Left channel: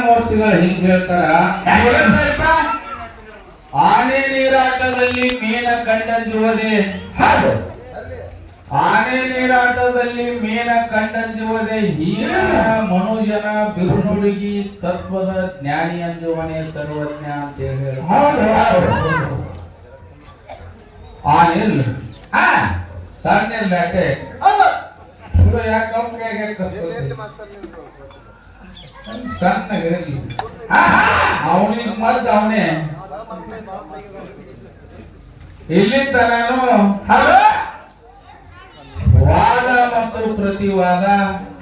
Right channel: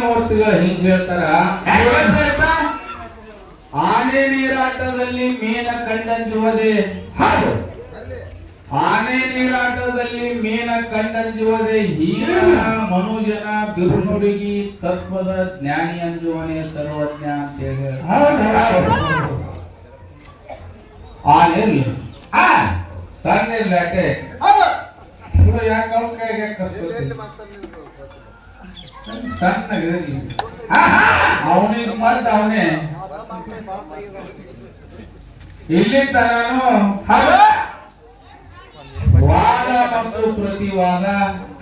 ಮೂರ್ತಿಗಳು ಹಿಂಗ್ ಹೇಳ್ತಾರ? ಆನೆ ನೀರಾಟದಲ್ಲಿ ಮೀನ ಕಂಡಂಜುವುದೇ ಹೌದು. ಆನೆ ನೀರಾಟದಲ್ಲಿ ಮೀನ ಕಂಡಂಜುವುದೇ ಹೀನ ಮನುಜನ ಬಿರುನುಡುಗಿ ತತ್ವದ ಜ್ಞಾನಿ ಅಂಜುವನೆ ಸರ್ವಜ್ಞ ಅಂತ ಹೇಳಿ ಆನೆ ಸಣ್ಣ ಯಾಕೆ? ಯಾಕ್ ಕರ್ಸ್ಕೊತಿ? ಸಣ್ಣ ಇರಲಿ ಹಾ ಹಾ, ಅವನಿಗೆ ಮತ್ತ ಅವನೇ. ಇಲ್ಲಿ ನಾನು ವಾದ ಮತ್ತು ಪ್ರತಿವಾದ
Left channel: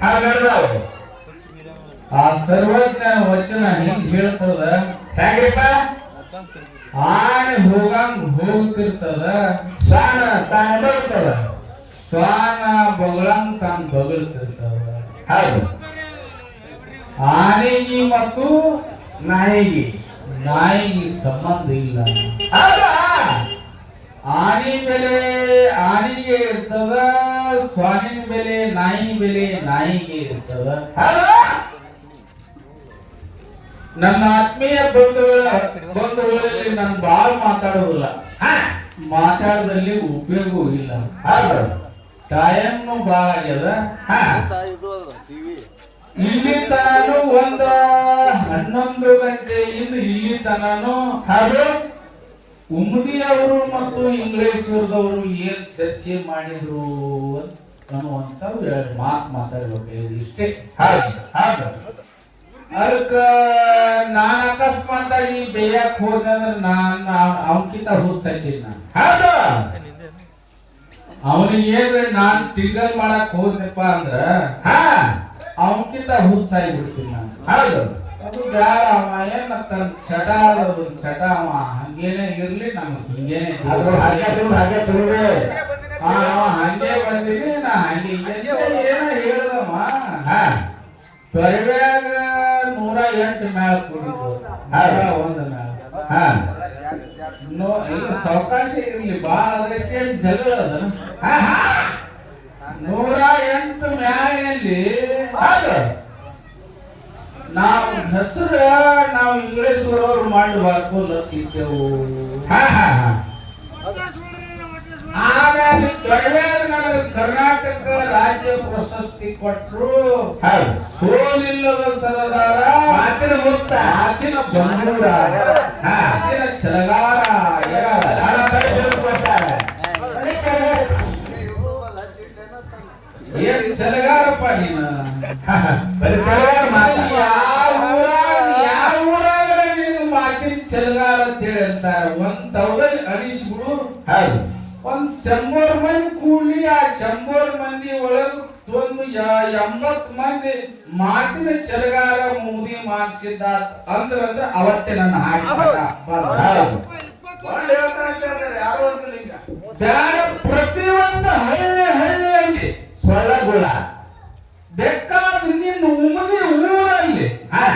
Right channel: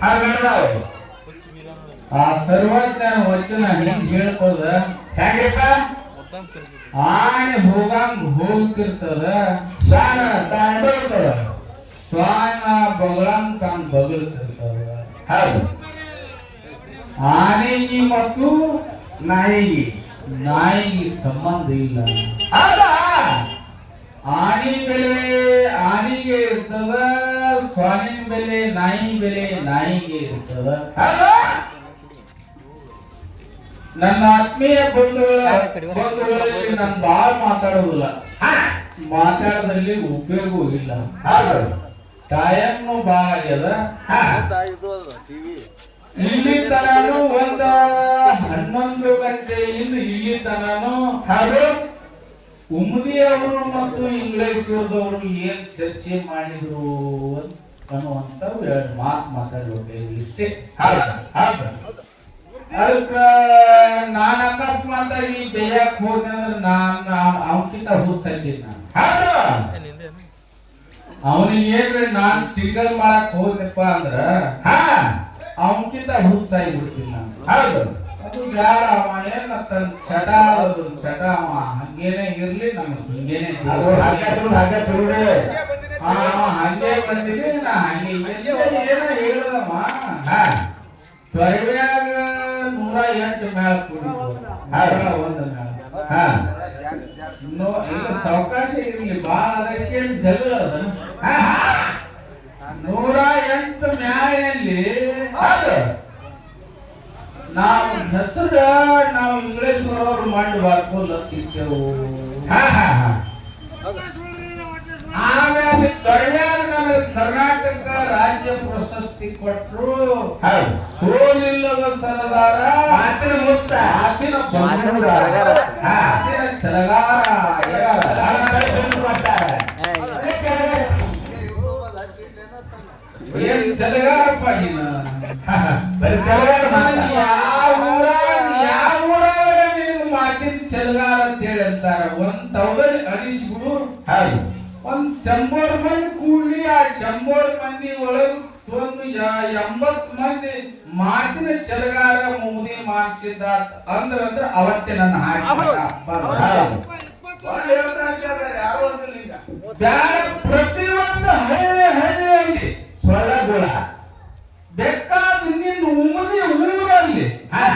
ಹೌದು ಆ ಸರ್ವಜ್ಞನ ವಚನ ಹಿಂಗ್ ಹೇಳ್ತದ? ಹೆಂಗ್ರಿಪ್ಪ ಆನೆ ಹೋಗಂಗ್ ಹೋಗ್ತಿರ್ತದ ಸ್ವಾನ ತಾನ ಬರ್ತದ ಸ್ವಾನ ಬಗಳಂಗ್ ತಾನ್ ಬಗಳ್ತಿರ್ತದ ಹೌದು. ಆನೆಗೆ ಮತ್ತು ನಾಯಿಗೆ. ನಾಯಿಗೆ ಸಂಬಂಧ ಇಲ್ಲ. ಹೌದಾ? ಆನೆ ಬೆಲೆ ಆನೆಗೆ ಇರ್ತದ ಸ್ವಾನಿನ ಬೆಲೆ ನಾಯಿ ಬೆಲೆ ನಾಯಿಗೆ ಇರ್ತದ. ನನ್ನ ಆತ್ಮೀಯ ಬಂಧುಗಳ ಬಂಧುಗಳಲ್ಲಿ ನಾನು ಬಾಳ್ ಮಾತಾಡೋದಿಲ್ಲ ಹಾ? ಮಾತಾಡದಲ್ಲಿ ಉಪಯೋಗವೂ ಇಲ್ಲ. ಟೈಮ್ ಬಾಳ ಆಗ್ಯದ. ಹಾ? ಇಲ್ಲಿ ತನಾನು ಒಂದು, ಹನ್ನೊಂದು ಗಂಟೆ ಇನ್ನು ಇಲ್ಲಿ ತನಾನು ಹೌದು ಉಮ್ದಿ ಅವರು ಮತ್ತು ಇಂಗ್ಲೇಶ್ವರದವರು ಏನ್ ಚರ್ಚೆ ಮಾಡಿದ್ರು ಅನ್ನುವಂತ ಎರಡು ಮಾತು ಮಾತಾಡ್ಬೇಕು ಇಷ್ಟೇ. ಅದಕ್ಕ ನಾನು ಅಕಸ್ಮಾತ್ ಈ ಬೇಯಕ್ ಹೋದಂದ್ರ ನಾನ್ ಅವನ್ಕಿಂತ ಹುಚ್ಚಾಕಿದ್ ನಾನು. ಅವನಿಗೆ ಏನ್ರಿ ನಾನ್ ತಿಂಗಲ್ ಮಾಡಕ್ ಹೋದ್ನಪ್ಪ ಅಂದ್ರ ಹಾ ಅವನ್ಕಿಂತ ಹುಚ್ಚಾಗಿ ಬಿಡ್ತೀನಿ ನಾನು. ಹೌದು. ಅದು ಬ್ಯಾಡ ಅವ ಏನ್ ತನ್ನ ಚಟ ಅದು ಚಟ ಅವ ಹಂಗೇನೆ ಇರ್ಲಿ ನಮ್ಗೆ ಹಿಂಗೇನೆ ಅದು ಹಾಗೆ ತಿರುಗಿ ಹಾಗೆ ತಿರುಗಿ ಆ, ಅವ ಹಂಗೆ ಬಂದಿರಿ ನಾ ಹಂಗೆ ಎಲ್ಲೋ ಏನೋ ಹೇಳ್ದಮ್ಮ. ಹಾ. ನೂರ ಎಂಟು ಮ್ಯಾಲ ಕುಡಿದು ಒಂದ್ ಮ್ಯಾಲ. ಹಾ. ಸಾವಕಾಶ ಇರ್ಲಿ ಬಾ ಅದಕ್ಕೆ ಜಲ್ಲ ಅದ ಹಾ. ನೂರ ಎಂಟು ಮ್ಯಾಲೆ ಹೌದು. ನಾವು ಹೆಸರು ನಾವು ಇಂಗ್ಲೇಷ್ ಅವ್ರು ಮಾಡಬಾರ್ದು ಲಕ್ಕಿದ್ದೆವು. ಹಾ ಹಾ ಹಾ. ಆಮೇಲೆ ದೊಡ್ಡ ನನಗೆ ಕರ್ನಾಟಕ ರಾಜ್ಯ ಪ್ರಶಸ್ತಿ ಕೊಟ್ಟರು ಸೋಲಿಲ್ಲದ ಸರದಾರ. ಮಾತಿನ ಮುತ್ತ ಮಾತಿನ ಬಂಧೂರ ಏನ್ ಛಲಗಾರಪ್ಪ ನೀನು ಬರೀ ಕೆಲವರು ಮಾತ ಯಾವ ಊರಾಗ ಯಾವ ಊರಾಗ ನಿನಗೆ ಮಾತಿನ ಛಲಗಾರ ಅಂತ ಹೇಳಿ ಅಂತಾರ ಒಂದ್ ತೌದ ಅನಿಸ್ಬಿಡು ಹೌದು ಒಂದ್ ಶಂಬರ್ ಮಂದಿ ಕೂಡ್ಲಿ ಆ ಶಂಬರ್ ಮಂದಿ ಒಳಗ ಒಂದು ಯ- ಎಂಬತ್ ಮಂದಿ ಮಾತಿನ ಛಲಗಾರ ಮುಗ್ದಿ ಮಾಡ್ಸಿದ್ದ ಅಂದ್ರ ಅಂದ್ರ ಅವತ್ತೇ ನನ್ನ ಹಾಡಿ ಹೌದು ಬ್ಯಾಡ ಪ್ರತಿಯೊಂದು ಹಳ್ಳಿ ಹಳ್ಳಿಯಲ್ಲಿ ಸೊಳ್ಳಗುಳ ಬೇಕಾದ ನಿನ್ನ ಉಮನೆ ಊರಲ್ಲಿ. ಹಾ.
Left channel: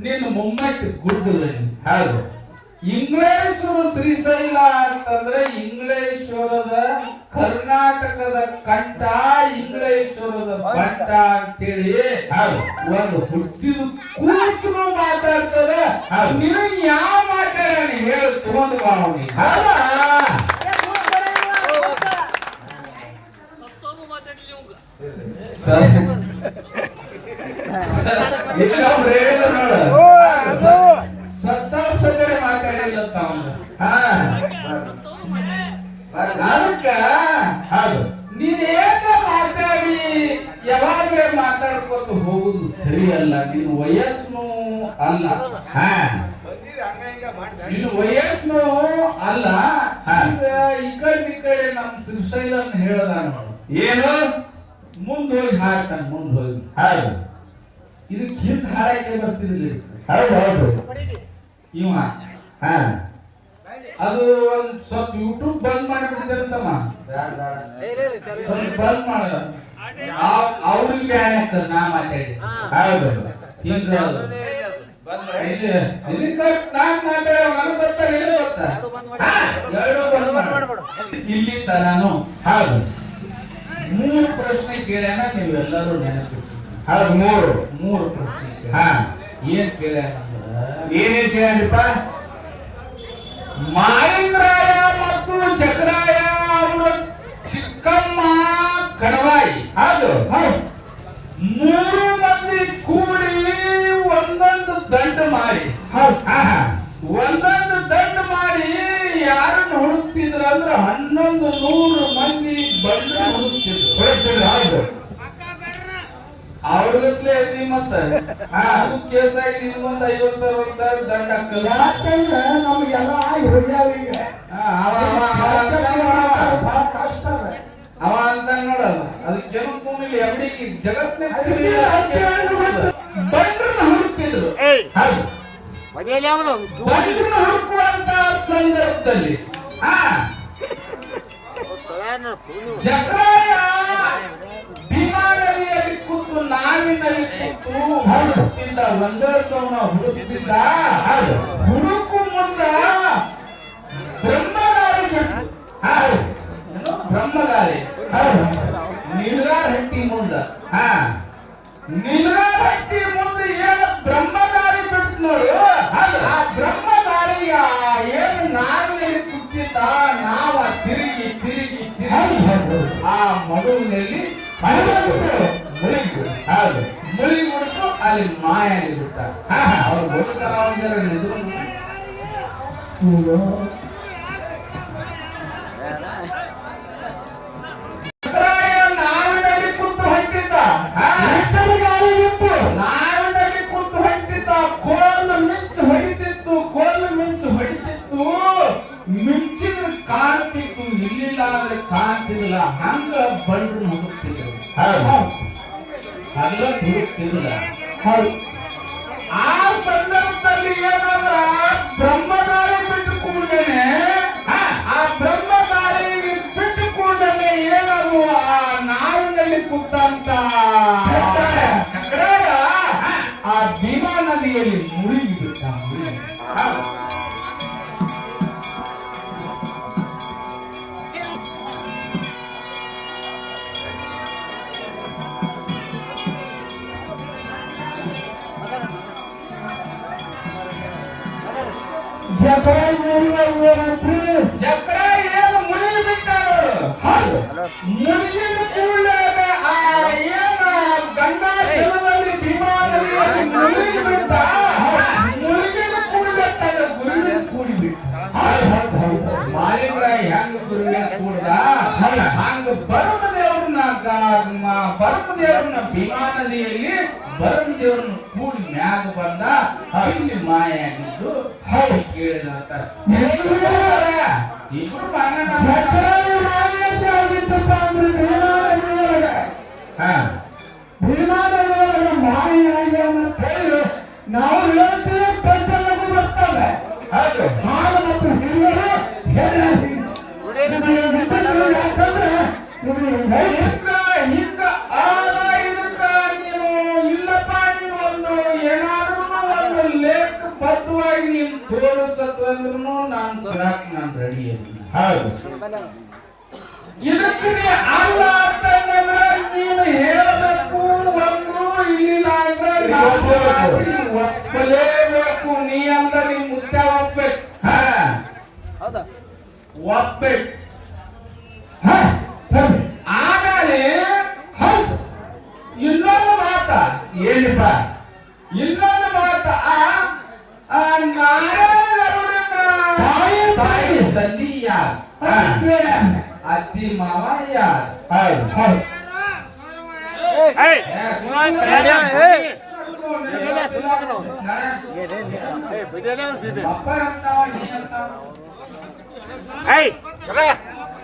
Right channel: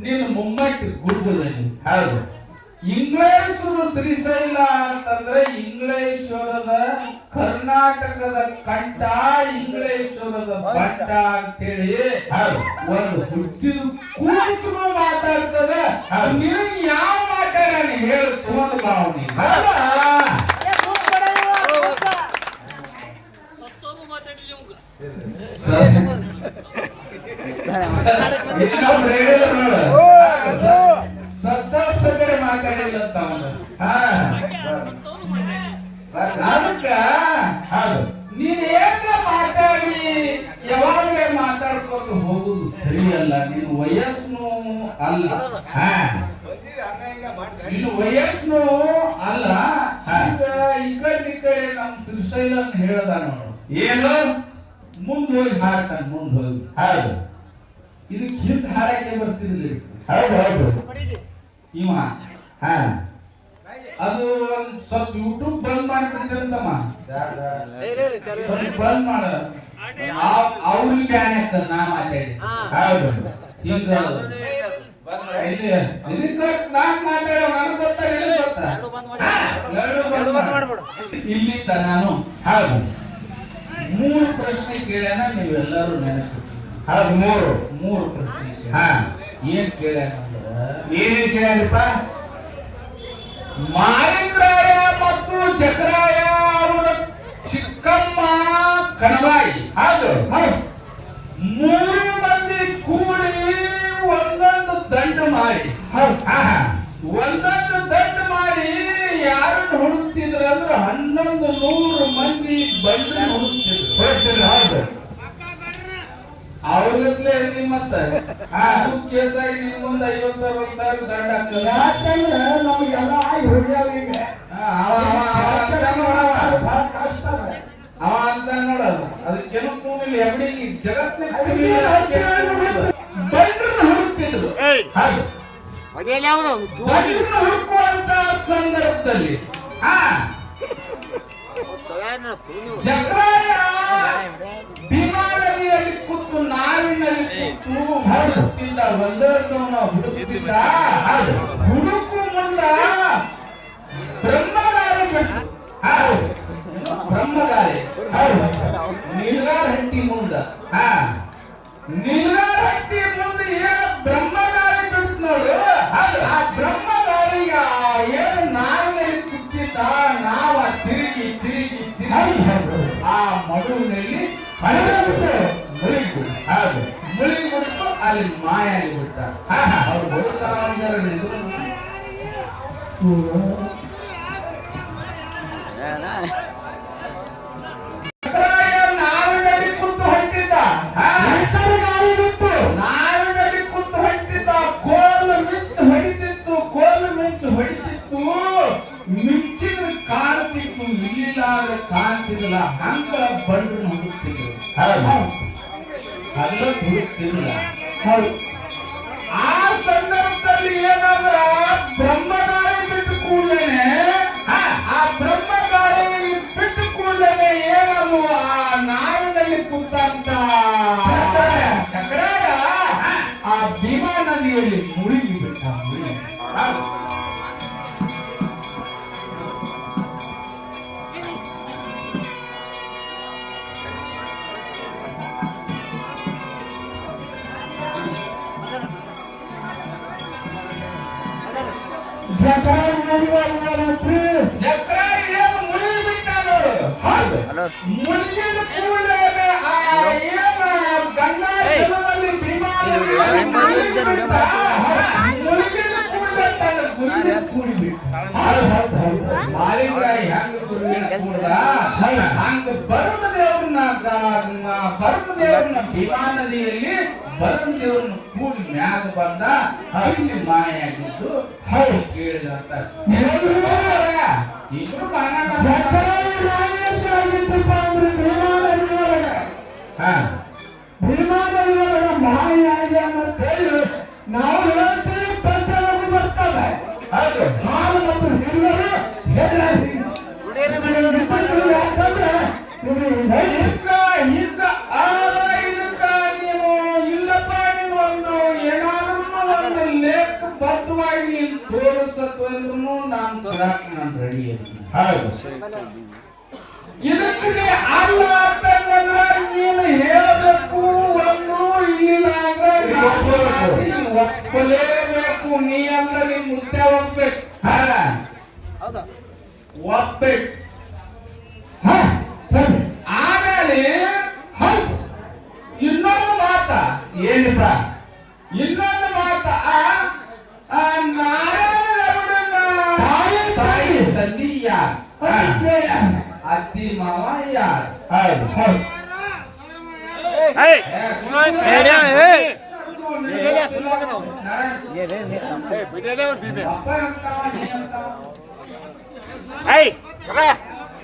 ನಿನ್ನ ಮುಮ್ಮಟ್ಟಿ ಗುಡ್ಡದಲ್ಲಿ. ಹೌದು. ಇಂಗ್ಲೇಶ್ವರ ಶ್ರೀಶೈಲ ಅಂತಂದ್ರೆ ಇಂಗ್ಲೇಶ್ವರದ ಕರ್ನಾಟಕದ ಕಂಠ ಇಂಗ್ಲೇಶ್ವರದ ಬಂಟ ಅಂತೇಳಿ ಒಂದು ಹುಟ್ಟಿದ ಕೂಸು ಮಾತಾಡ್ತದ. ನಿನಗೆ ಯಾವ ಮಾತಾಡ ಹೇಳು ತಗೊಂಡು ಬಾ ಸತ್ತವ್ರ್ ಮಾತಾಡಿಲ್ಲ ಅಂತ ಅದಕ್ಕ ಹೌದು ನೀನ್ ಏಕ ಮಾತಾಡಿ ಯಾವಾಗಲೇ ಮಾತಾಡ್ಕೊತ ಹೋಗುದು ಸರಿ ಅಲ್ಲ ನಿನ್ನ ವಯಸ್ಸು ಅಲ್ಲ ನಿನ್ನ ವಯಸ್ಸು ಅಲ್ಲ. ಈಗ ಈ ಕಡೆ ಈ ಕಡೆ ನಮ್ ಶ್ರೀಶೈಲನ್ ಹೇಳ್ದ ನೋಡು ಏನು ಮುಂದ್ ಹೋಗಿ ಹಾರತಾನೆ ಮುಂದೆ ಹೋಗಿ. ಹೌದು ಇದಕ್ಕೆ ಹಿಂದ್ ಹಾರಕ್ಕೆ ಬರ್ತಿರ್ಲಿಲ್ಲ. ಹೌದು ಹೌದು. ಇವ. ಹಾ. ಅದು ಒಂದು ಸ್ವಲ್ಪ ಯೂಟ್ಯೂಬ್ ಬಂದ್ ಮಾಡಿಬಿಡ್ತಾರಂತಮ್ಮ ಬಂದ್ ಮಾಡ. ಅವ್ರಿಗೆ ಬ್ಯಾನ್ ಆಗ್ತದ ನಾ ಮಾತಾಡಿ. ಹೌದು. ಹಿಂಗ. ಇಲ್ಲಿ ನಾನ್ ಮಾತಾಡ ನನ್ ಗೊತ್ತಾ? ಏನ್ ಗೊತ್ತಾ. ಇಲ್ಲಿ ನಾನು ಹೌದು. ಮೂರು ಪ್ರಶ್ನೆ ಕೇಳ್ಯಾನ ನೀವೆಲ್ಲರೂ ನೆನಪಿಟ್ಟು ಹೌದು ಮೂರು. ಮೂರು ಪ್ರಶ್ನೆ ಹಾ. ಏನ್ ಕೇಳ ಏನಪ್ಪ ಕೇಳ್ಯಪ್ಪ ಮಾಲಿಂಗರಾಯ ಮತ್ತು ಚಕ್ರಾಯ ಅವರ ಚಿಕ್ಕಮ್ಮ ಕಣವಾಯಿ. ಹೌದು. ಮೂರು ಮಂದಿ ಕೂಡಿ ಒಂದೊಂದು ದಂಡು ಮಾರಿ ಹೌದು ಹಾ ಹಾ ಒಂದೊಂದು ದಂಡು ಮಾರಿ ಯಾರನ್ನು ಹುಡುಕ್ತಿದ್ರು ಅಂದ್ರೆ ಹನ್ನೊಂದು ನೂರು ಮಂದಿ ಬಂದ್ರೆ ಹುಡುಕ್ತಿದ್ರು ಅವ್ರಿಗತ್ಲೆ ಐತಿ ಮತ್ತ ಹಾ. ಅದು ಕೇಸ್ ಆಗಿ ನಿಮ್ಗೊಂದು ಐವತ್ತು ಅರವತ್ತು ಸಾವಿರ ದಂಡ ಯಾಕಂದ್ರೆ ನಮಗೆಲ್ಲ ಆಗಿ ಹೋಗ್ಯಾವ ಈಗ ಹಾ, ಅವ ಅಂತ ಕಷ್ಟ ಅದ. ಅವ ಅಂತ ನೋಡಲ್ಲ ಅದಕ್ಕೇನು ಕೂಡಿಲ್ಲ ಎವಡಿಗೆ ಜಗತ್ತಿನ ಬಂಡ್ರನ್ನ ಹುಡುಕ್ತಿದ್ರು ಹುಡುಕುವಂತ ಸಂದರ್ಭದಲ್ಲಿ ಹಾ ಜಕ್ರಾಯ! ಭೀಮಾ ನದಿಯಲ್ಲಿ ಕೂತು ನಾವಿನಲ್ಲಿ ಕೂತು ಹುಡುಕ್ತಿದ್ದ ಒಂದೇ ಸಮ ಹುಡುಕ್ತಿದ್ದ ಹೌದು ಹುಡುಕು ಮುಂದ ಬ್ರಹ್ಮಗಾರಿ ಬಿಟ್ಟು ಹೌದು ಏನು? ಬ್ರಹ್ಮಗಾರಿ ಹೌದು ನಿಲ್ಗಾರ ಹಟ್ಟಿ ಮುಂದ. ಹಾ ನಿಲ್ಗಾರ ಮಡುವಿನಲ್ಲಿ ಹಣವಾಗುತ್ತೆ ಮುಳುಗಿಬಿಡು ಹೌದು. ಮುಳುಗಿಬಿಡ್ತು ಅಲ್ಲಿ ಮಾಯ ಹಾ ಅವ್ರು ಬದುಕಲ್ಲ ಅಲ್ಲ ಹುಡುಕ್ತಿದ್ದಿಲ್ಲ ಹೌದು. ಆ ಸಂದರ್ಭದಲ್ಲಿ ಏನಂದ್ರ ಬ್ರಹ್ಮಗಾರಿ ಬಿಟ್ಟು ಕೂಡಲೇ ಆ ಬ್ರಹ್ಮಗಾರಿ ಬಿಟ್ಟು ಕೂಡಲೇ ಏನದು ಆ ನಾವಿನಲ್ಲಿ ಕೂತಂತ ಚಕ್ರಾಯ ಆ ಭೀಮಾ ನದಿಯಲ್ಲಿ ಮುಳುಗಿ ಮಾಲಿಂಗರಾಯ ಹೆಂಗ ಗುರುವಿನ ಕೂಡ್ದ ಹೌದು. ಹಂಗ ಬರುಣ ದೇವ್ರನ್ನ ಭರತ ದೇವ್ರನ್ನ ಭೀಮಾ ನದಿಯಲ್ಲಿ ಭರತ ದೇವ್ರನ್ನ ಕೂಡಿ ಮ್ಯಾಗ ಬಂದ ಇಲ್ಲಿ ಮಾಯ ಆಗಿದ್ದು ಹೌದು ಕೇಳಿದಂತ. ಇಬ್ರು ಮಾನ ಹಾ. ನಾವು ಹೇಳ್ತೀವಿ ಪಂಚನಗು ಬರ್ತಾವೆ. ಹೌದು. ಹಾಲು ಮತ್ತು ಹಿರಿಯರು ಹೇಳಿ ಯಾಕಂದ್ರೆ ಹಿಂಗ ಹಿಂಗ ಆದ ಇದಕ್ಕ ನೀನು ಇಲ್ಲಪ್ಪ ನೀವೊಂದು ಏನಾದ್ರೂ ಒಂದು ಲೇಖ ಬದ್ಧವಾಗಿ ನೀನು ತೋರಿಸತ್ವಂದ್ರೂ ನಾನು ತೋರಾಕ್ ನಾನು ರೆಡಿ ಅದನ್ನ ಹೌದು. ಇದಕ್ಕೆ ನೀ ಅಲ್ಲ ಅಂತಂದ್ರ ನೀನು ಹೇಳಬೇಕು ಒಂದು ಇಲ್ಲಿ ಅಂದ್ರೆ ನಾವು ಮಾತಿ ಒಪ್ಪಲೇಬೇಕು ನೀ ಅಂದ್ರೆ ನೀ ಮುದ್ದೆ ಒಪ್ಬೇಕು ಹಾ ಒಪ್ಬೇಕು ಹಾ ಸರಿ. ಆಮೇಲೆ ಹೌದು ಇನ್ನೊಂದು ಮಾತ ಏನಪ್ಪ ಇನ್ನೊಂದು ಮಾತ ಆ ಆ ನಾರಾಯಣ ಗರುಡನ ತಾಯಿ ತಾಯಿ ತಂದಿ ಯಾರು ಹಾ ಅತ್ತಿ ಮಾವ ಯಾರು ಹೌದು ಹೌದು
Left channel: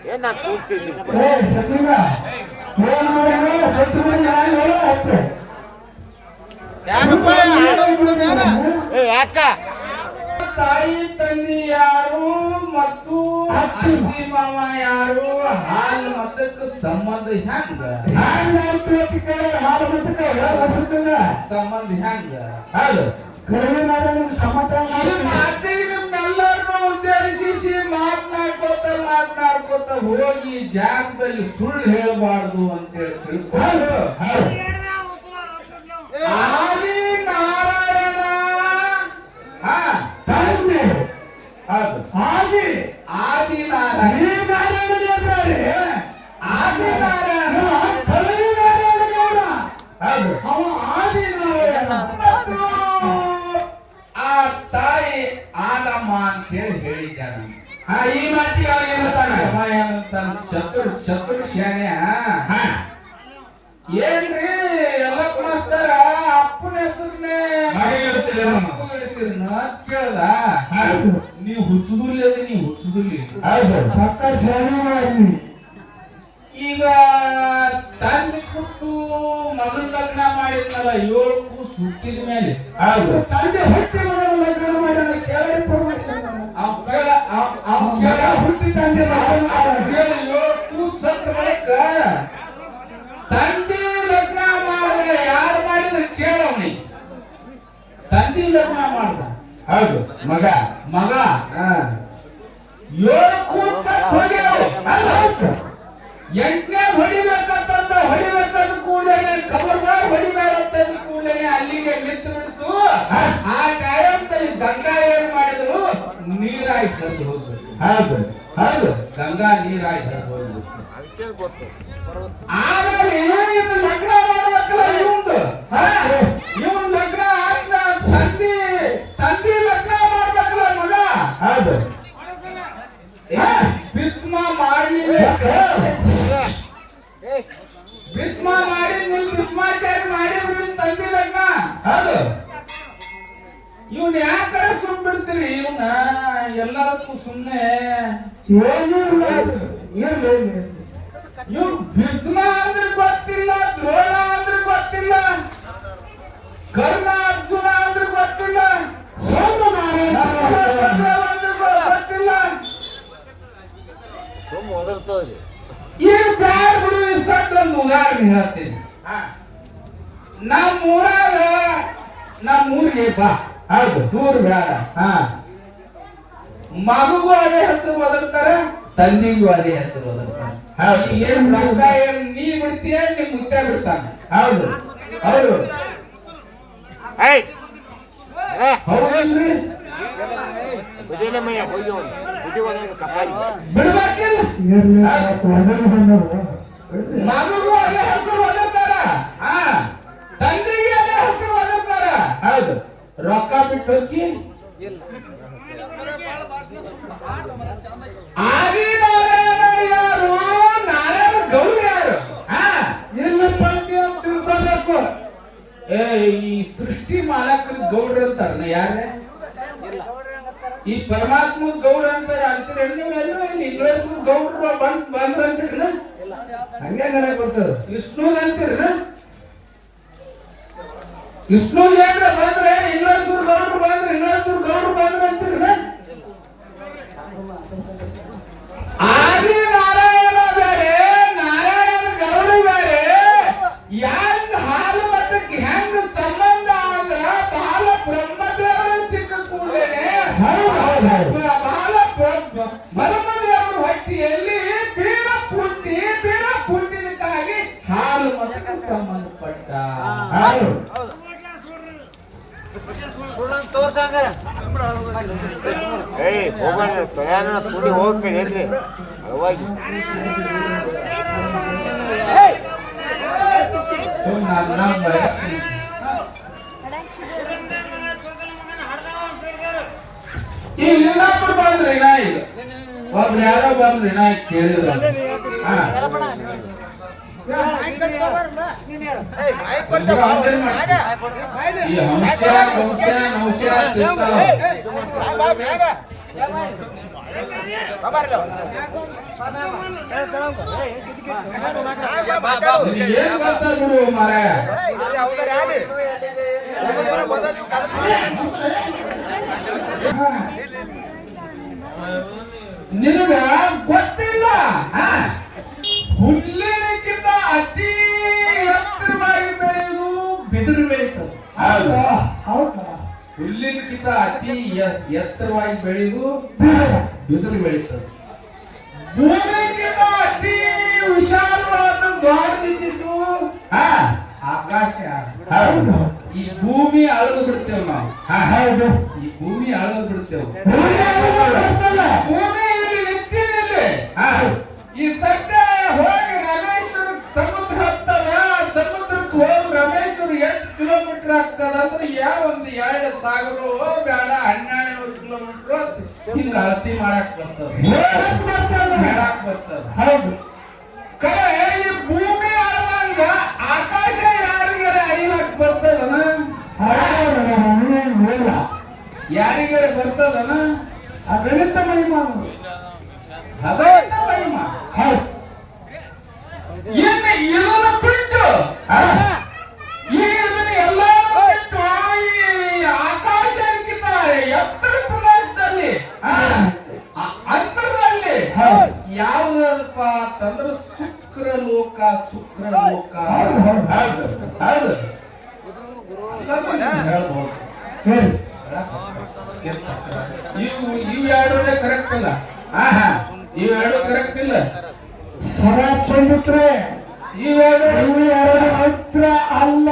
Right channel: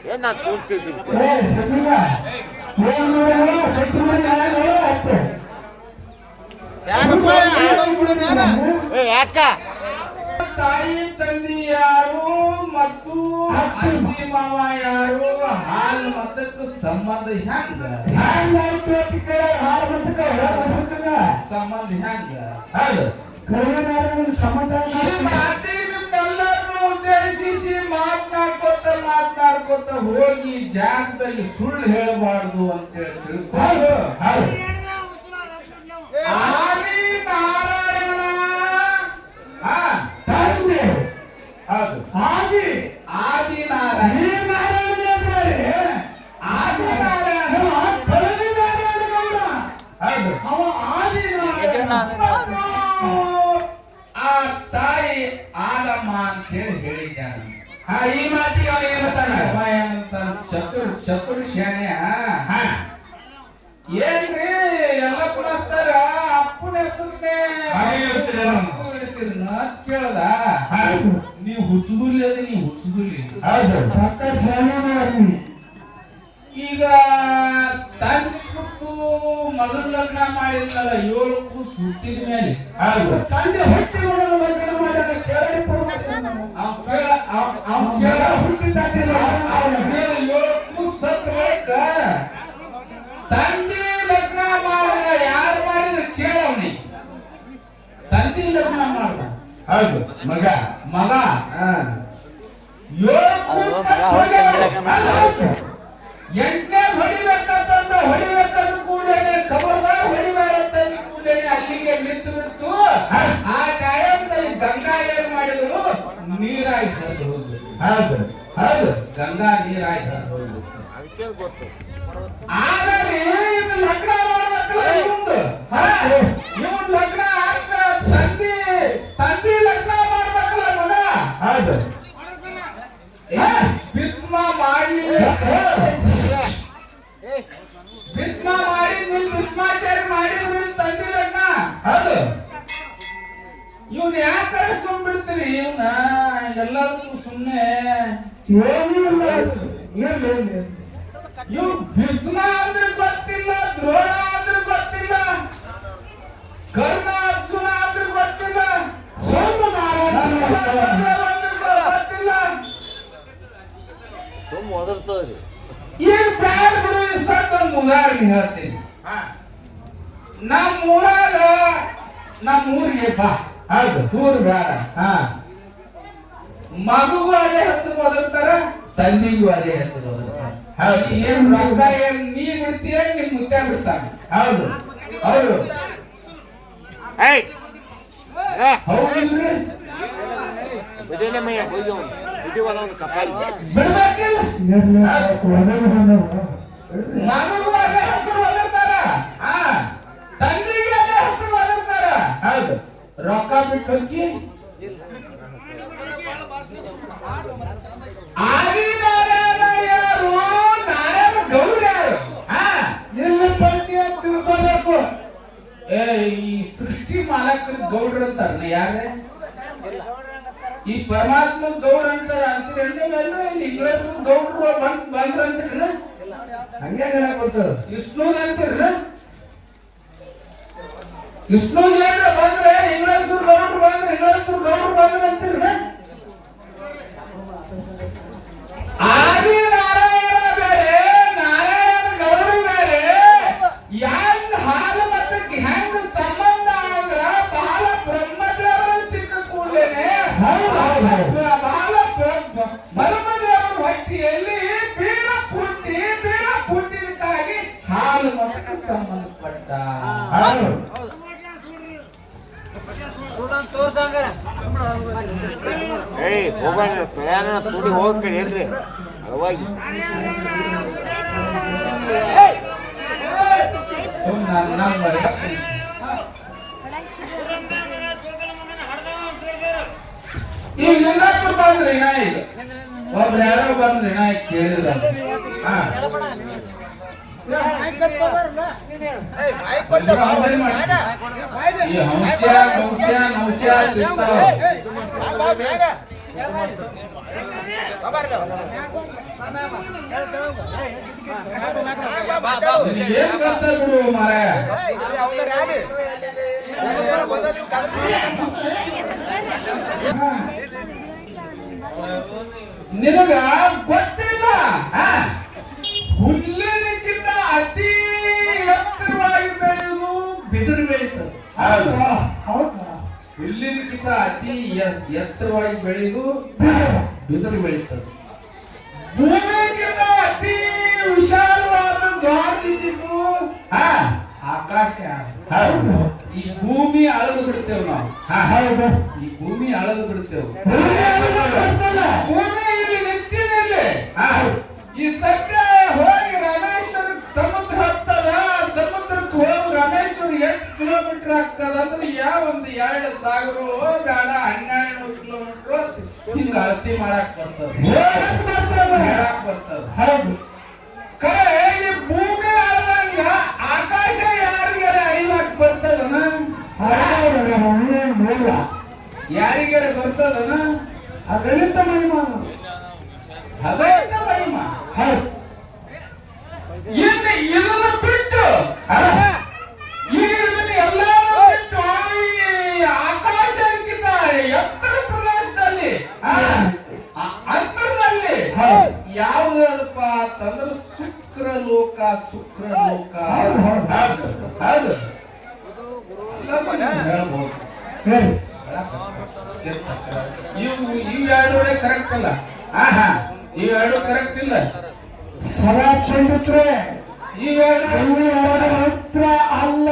ಏನ್ ನಾನು ಕೂಡ್ತಿದ್ದೀನಿ ಏ ಏನ್ ಮಾಡಿದ್ರು? ಯಾಕ? ತಾಯಿ ತಂದಿ ಯಾರು ಮತ್ತು ಅತ್ತಿ ಮಾವ ಯಾರು? ಹಾಲು ಮತಕ್ಕೆ ಸಂಬಂಧ ಹೆಂಗ? ಮುಂದಕ್ಕೆ ಸಂಬಂಧ ಹೆಂಗ? ಹೌದು. ಮಾತಿಗೆಲ್ಲರನ್ನೂ ಉದ್ದೇಶಿಸಿ ಮಾಡ್ಕೋತ ಹೋಗಿ ಜಾಗದಲ್ಲಿ ಸುಳ್ಳು ಹೇಳಬಾರ್ದು ಅಂತೇಳಿ ತಿಳ್ಕೊಂಡು ಆದಿ ನಾರಾಯಣ ತಂದೆ ಅದು ಆದಿ ಆದಿ ನಾರಾಯಣ ಆದಿ ನಾರಾಯಣ ಅದು ಅವ ಆದಿ ನಾರಾಯಣ ಆ ತಾಯಿ ಆಲಮ್ಮ ಅಂತೇಳಿ ಹೇಳಿದ್ದಾರೆ ಹಾ ಈ ಮಾತಿಗೆ ಅವ್ರಿಗೆ ಗೊತ್ತಾಗ ಅವ ಏನಂತಾನ? ಶತ್ರು ಶತ್ರು ಶಾಣ್ಯ ಹಾ. ಏನ್ರಿ ಹೌದು ಹೌದು ಗಂಗಾ ಗೊತ್ತು ಆಮೇಲೆ ಇದು ಲಗ್ನ ಮಾಡ್ಬೇಕಲ್ಲ ಇವಂದು ಇವನ್ ಲಗ್ನ ಆದ್ನ ತಂದಿ ತಂದಿ ಲಗ್ನ ಮಾಡ್ಬೇಕಲ್ಲ ಮಗ. ಹೌದು. ಏ, ಭೀಷ್ಮ ಮಾಡಿ ಭೀಷ್ಮ ಮಾಡಿ ನಿಮ್ ಭೀಷ್ಮಾಚಾರ್ಯ ಮಾಡಿದ್ರು ತಂದಿ ತಂದೆ ಲಗ್ನ. ಹೌದು. ಇವ್ನ ಯಾಕರ ಸುಮ್ ಬಿಡ್ತೀರಿ? ಇವನ ಎಲ್ಲದಕ್ಕೂ ಸುಮ್ನೆ. ಏನೂ ಇಲ್ಲ. ಅದು. ಇವ್ ಭೀಷ್ಮ ಅಂದ್ರೆ ಗೊತ್ತಿಲ್ಲ ದ್ರೋಣ ಅಂದ್ರೆ ಗೊತ್ತಿಲ್ಲ ಕರ್ಣ ಅರ್ಜುನ ಅಂದ್ರೆ ಗೊತ್ತಿಲ್ಲ ಸೋಮನಾರಾಯಣ ನಕುಲ ಸಹದೇವ ಅಂದ್ರೆ ಗೊ- ಗೊತ್ತಿಲ್ಲ. ಸುಮ್ಮ ಒದರ್ತದ್ರಿ ಈಗ ಬ್ಯಾಡ ಬಿಡು ಈ ಸತ್ ಒಂದು ಉದಾಹರಣೆ ಹೇಳ್ತೀನಿ. ನಮ್ಮ ಊರಾಗ ನಮ್ಮ ಊರಿಗೆ ಬಾ. ಹೌದು ದೂರ ಬೇಡ. ಹಾ. ಮಗುಗೂ ಅದೇ ಹೆಸರು ಒದರ್ತಾರ ತಂದಿಗೂ ಅದೇ ಹೆಸರು ಒದರ್ತಾರ ಹೌದು. ಏನ್ ರಕ್ತ ಏನ್ ನೀ ಬಿಡ್ತೀಯ ನಿಮ್ ಮುತ್ತೆ ಬಿಡ್ತಾನೆ? ಹೌದು. ಹೌದು. ಹೌದಿಲ್ರಿ? ಬಿಡಿಲೆ ಮಯ್ಯ ಹೋಗಿ ಅವನು ಬಿಡಿ ಒಂದು ಕಪಾಳಿಗೆ ಬಿಡ್ಬೇಕಿಲ್ಲ ಮಗುಗೂ ಅದೇ ಹೆಸರು ಒದರ್ತಾರ ಹಾ. ತಂದಿಗೆ ಅದೇ ಹೆಸರು ಒದರ್ತಾರ ಹೌದು. ರೊಕ್ಕ ಬಿಟ್ಟು ಹೋಗಿ ಯಾರು ನಾರಾಯಣ ಗೌರಿ ಯಾರು? ಇಲ್ಲಿ ಪಂಕ್ತಿ ಅಂತ ತಿಳ್ಕೊಬೇಕು? ಏ, ಈ ಸೃಷ್ಟಿ ಮಾಲಕ ಗೌಡ್ರ ಅಂತಾರ ಯಾರೇ ಈ ಪರಮಾತ್ಮ ಗೌಡ ಅಂತಾರ ಅಂತೀರಿ. ನೀವೆಲ್ಲರೂ ಇಲ್ಲಿ ಇಂಗ್ಲಿಷ್ ಗೌಡ್ರು ಬಂದ್ ಬಂದ್ರ ಅಂತೀರಿ ಹಂಗೆ ಗೊತ್ತದ ವಿಷ್ಣು ಅಂತೀರಿ ವಿಷ್ಣು ಏನ್ರ ಬಂದ್ರೆ ಇಂಗ್ಲಿಷ್ ಗೌಡ್ರು ಬಂದ್ರೆ ಇಂಗ್ಲಿಷ್ ಗೌಡ್ರು ಬಂದ್ರೆ ಅಂತೀರಿ ಆದಿ ನಾರಾಯಣ ಬೇರೆ ನಾರಾಯಣ ಗೌಡ ಬೇರೆ. ಹೆಂಗ್ ಹಾಲು ಮತ್ತೆ ಹೆಂಗ್ ಸಂಬಂಧ ಅಂದ್ರ ಬಾಲ ಬ್ರಹ್ಮದೇವರ ಸಿಕ್ಕ ಕೂಡಲೇನೆ ಬಾಲ ಬ್ರಹ್ಮದೇವರ ಹೊಟ್ಟಿಯಲ್ಲಿ ಬೀರ ಪುಟ್ಟಿ ಬೀರ ಪುಟ್ಟಿದಕ್ಕಾಗಿ ಹಾಲು ಮತ್ತೆ ಸಂಬಂಧಪಟ್ಟ. ಏಯ್ ಹೋಗೋಣ ಪ್ರಯಾಣ ಸುಡಿ ಹೋಗ್ಬೇಡಿ ಎಲ್ರಿ. ಅಳವಾಗಿ ಬಂದ್ರಿ ನಾ ಈಗ ಒಬ್ರು ಯಾರೋ ಬಂದ್ರಿ ನಾ ಕೇಳಿದ್ರ ಹಾ. ಬಿಡು ಮಾರ ನಿನಗ ಗೊತ್ತಿಲ್ಲ ಹುಲ್ಲಿನಕ್ಕಿಂತ ಅತಿ ಬೆಳೀತು ಹುಲ್ಲಿನಕ್ಕಿಂತ ಅತಿ ಎತ್ತರವಾಗಿ ಬೆಳೆದು ಬಿದಿರು ಬೆಳೀತದೆ. ಭೂಮಿಗಿಂತ ಅತಿ ವಿಶಾಲವಾದ ಆಕಾಶ. ಈ ಭೂಮಿ ಅಳದು ಬಿಡ್ತೇವೆ ನಾವು. ಹೌದು. ಈ ಭೂಮಿ ಅಳದು ಬಿಡ್ತೇವೆ. ಭೂಮಿ. ಇಲ್ಲಿ ನಿಂತಿನಲ್ಲಿ ಈ ಸದ್ಯ ಹೋಗಿ ರಮೇಶ್ವರ ಸಮುದ್ರ ಹತ್ತದ ಸಮುದ್ರಕ್ಕೆ ರಮೇಶ್ ರಾಮೇಶ್ವರ ಎಷ್ಟು ಕಿಲೋಮೀಟರ್ ಆಗ್ತದ ಅಂದ್ರೆ ಯಾವ ಒಂದು ಎರಡು ಸಾವಿರ ಬೇಡ ಹನ್ನೆರಡು ಕಿಲೋಮೀಟರ್ ಹಿಂಗ ಅಳತಿ ಮಾಡಕ್ ಬರ್ತದ. ಹೇಳಕ್ ಬರ್ತದ. ಹೌದು. ಕರೆ ಈ ಭೂಮಿ ಅಳದಂಗ ಆಕಾಶ ಯಾರಿಗಾರ ಐಲಕ್ ಬರ್ತದನ. ಯಾರಿಗಾರ ಬರ್ತದನ? ಆ ಮಹಿಮ ಅದೇನ ಮಹಿಮ ಹೌದು. ಇನ್ನು ಇದನ್ನ ಬಿಟ್ಟು ಹಾ ಈ ಇದನ್ನ ಎಲ್ಲಾರು ಬಿಟ್ಟು ಈ ಆಕಾಶಕ್ಕಿಂತ ಎತ್ತರ ಪ್ರದೇಶದಲ್ಲಿ ಆ, ಅ- ಅಂತರದಲ್ಲಿ ಹೌದು. ಯಾವುದಪ್ಪ ಅಂತಂದ್ರೆ ಶುಕ್ರ ಲೋಕ ಶುಕ್ರ ಲೋಕ ಹೌದು, ಹೌದು. ಹೌದು ಹೌದು ಅದನ್ನ ನೀವು ಹೇಳ್ಬೋದು ಹೇಳಿ ಇವು ಇವೆರಡು ಕರೆಕ್ಟ್ ಅಲ್ಲ ಆಹಾ ಇವೆರಡು ಕರೆಕ್ಟ್ ಇಲ್ಲ ಸರ ಚಂಡಿತ್ರೆ ಇವೆರಡು ಇವು ಎರಡು ಹತ್ರ ಅಲ್ಲ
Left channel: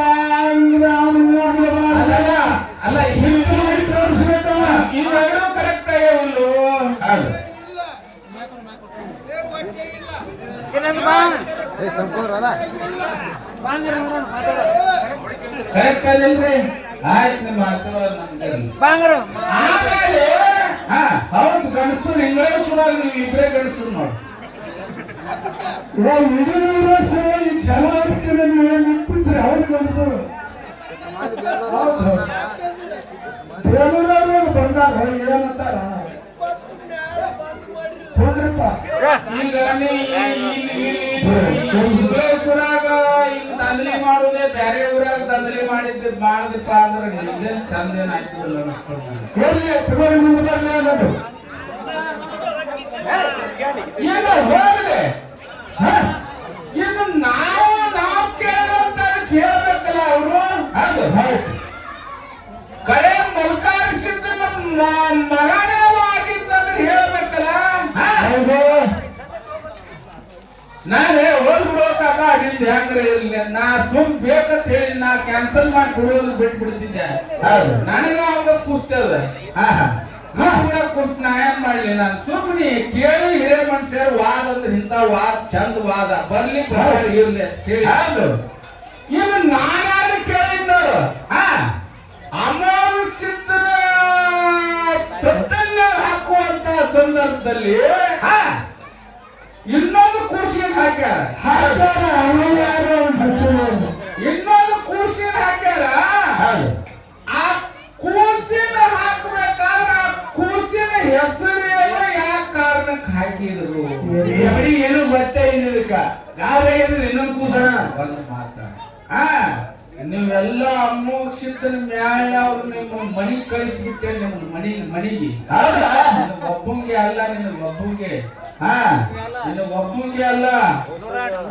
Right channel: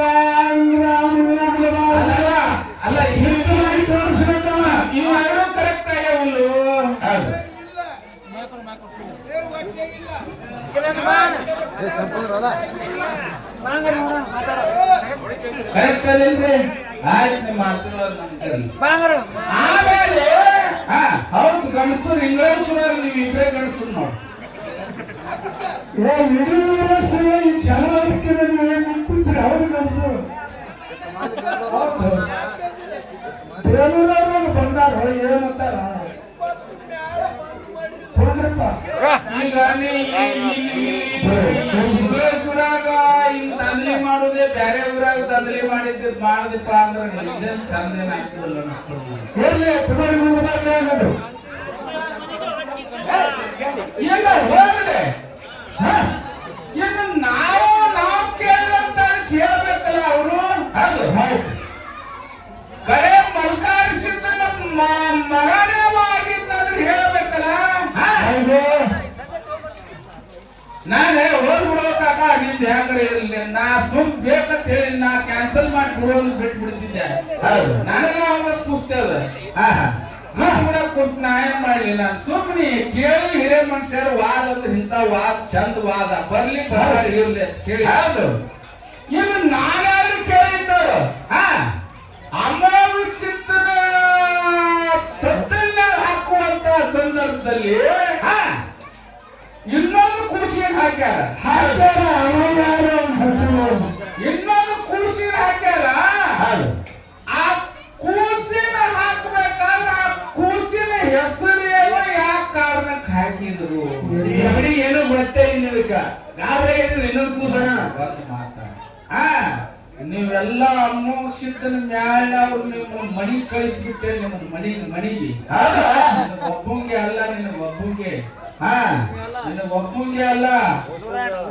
ಇಲ್ಲ ಅವನಿಗೆ ಹೋಗ್ಲಿಲ್ಲ. ಅಲ್ಲಲ್ಲ ಅಲ್ಲ ಸಿಟ್ಟು ಮಾಡಿ ತೋರಿಸ್ಬೇಕಲ್ಲ. ಇವೆರಡು ಕರೆಕ್ಟ್ ಆಗ್ಯಾವಲ್ಲು ಹೌದು ಕರೆಕ್ಟ್ ಅದೇನ್ರಿ ಆಯ್ತು ನಿಮ್ಮ ಆಶೀರ್ವಾದ ನಮ್ಗೆ ಆಮೇಲೆ ಹಾ ಹೌದು ಗಣಸರು ಇಂಗ್ಲೇಶ್ವರಾಗ ನೀವು ಇಬ್ಬರೇ ಗಣಸರು ನೋಡಿ ಏ ಇಡೀ ದಂಧಲಿ ಮಾಡುದೇ ಬೇರೆ ಊರಾಗ ದಂಧಲಿ ಮಾಡಿದ್ದು ಮಾಡದಪ್ಪ ಅಂದ್ರೆ ನಿಜನ್. ಎಲ್ಲಿ ತಗೊಂಡು ನಿಮ್ಮದಾಗಲೇ ಏನದು ಈಗ ಹೋಗದೆ ಇನ್ನು ನಾವು ನಾವು ಕೇಳಿದಂತ ಕೇಳಬೇಕಲ್ಲ ಅವರು? ಹೌದು ಹೌದು. ಕರೆ ಮಲ್ಕಾರಿಸಿದ್ದ ನಮ್ಮ ಮಗನೇ ಆಗಿದ್ದಂದ್ರೆ ಹೇಳ್ಬೇಕಲ್ಲ? ಹೇಳಬೇಕಲ್ಲ ಹೌದು. ನಾನೇ ಹೋದ್ ಬಿಡೋಕಾಗ ನಿಂದ ಹೆಂಗ್ರೆ ಇರಲಿ. ನಾ ಸುಮ್ ಬೇಕಂತ ಹೇಳಿ ನಾ ಕ್ಯಾನ್ಸಲ್ ಮಾಡಿ ಬಿಡೋದು ಬಿಟ್ಬಿಡ್ತಿದ್ದೆ. ನನಗ ಅವಾಗ ಕೂಸ್ತೇವ. ಹಾ ಹಾ. ಸುಮ್ಮನೆ ಕೂತ್ ನಾ ಏನ್ ಮಾಡ್ಲಿ? ನಾನು ಸುಮ್ಮನೆ ಕೇಳಿ ಹಿರೇ ಮನುಷ್ಯರು ವಾದ ಅಂದ್ರೆ ಇಂಥ ವಾದ ಚಂದ ವಾದ ಬರ್ಲಿ ಇರ್ಲಿ ಹೌದು. ಇನ್ನು ನಾನಾದ್ರೂ ಕೇಳಿದ್ದವರು? ಹಾ. ಸಿದ್ಧನ ತೊಟ್ಟಲ್ನ ಹಾಕುವಂತ ಸಂದರ್ಭದಲ್ಲಿ ಹಾ. ಇನ್ನೊಂದು ಕೂಸಿನ ಹಾಕ್ಯಾರ. ಇನ್ನೊಂದು ಕೂಸಿನ ಹಾಕ್ಯಾರ. ಆ ಕೂಸಿನ ಹೆಸರೇನು ಯಾವ ಕಾರಣಕ್ಕೆ ಹಾಕಿದ್ರು ಎವಡಿ ಏನು ಗೊತ್ತೇ ಇಲ್ಲ ಇದಕ್ಕ ನಾವೇ ಇನ್ನೊಂದು ಕೂಸಣ. ಬಂದು ಮಾತಾಡ. ಹಾ ನೀವೆಲ್ಲ ಅಮೋಕ್ಷಿತನ ಮ್ಯಾಲ ಅವ್ರು ನಿಮ್ಮ ಮನಿ ಕಳಿಸ್ಬಿಟ್ಟೆ ನಿಮ್ಮ ಮನಿ ಮನಿಗೆ. ಒಬ್ಬಂಗೆ ಅಲ್ಲ ನಿನ್ನ ಒಬ್ಬಂಗೆ. ಹಾ ನಿನ್ನ ಒಬ್ಬಂಗೆ ಅಲ್ಲ.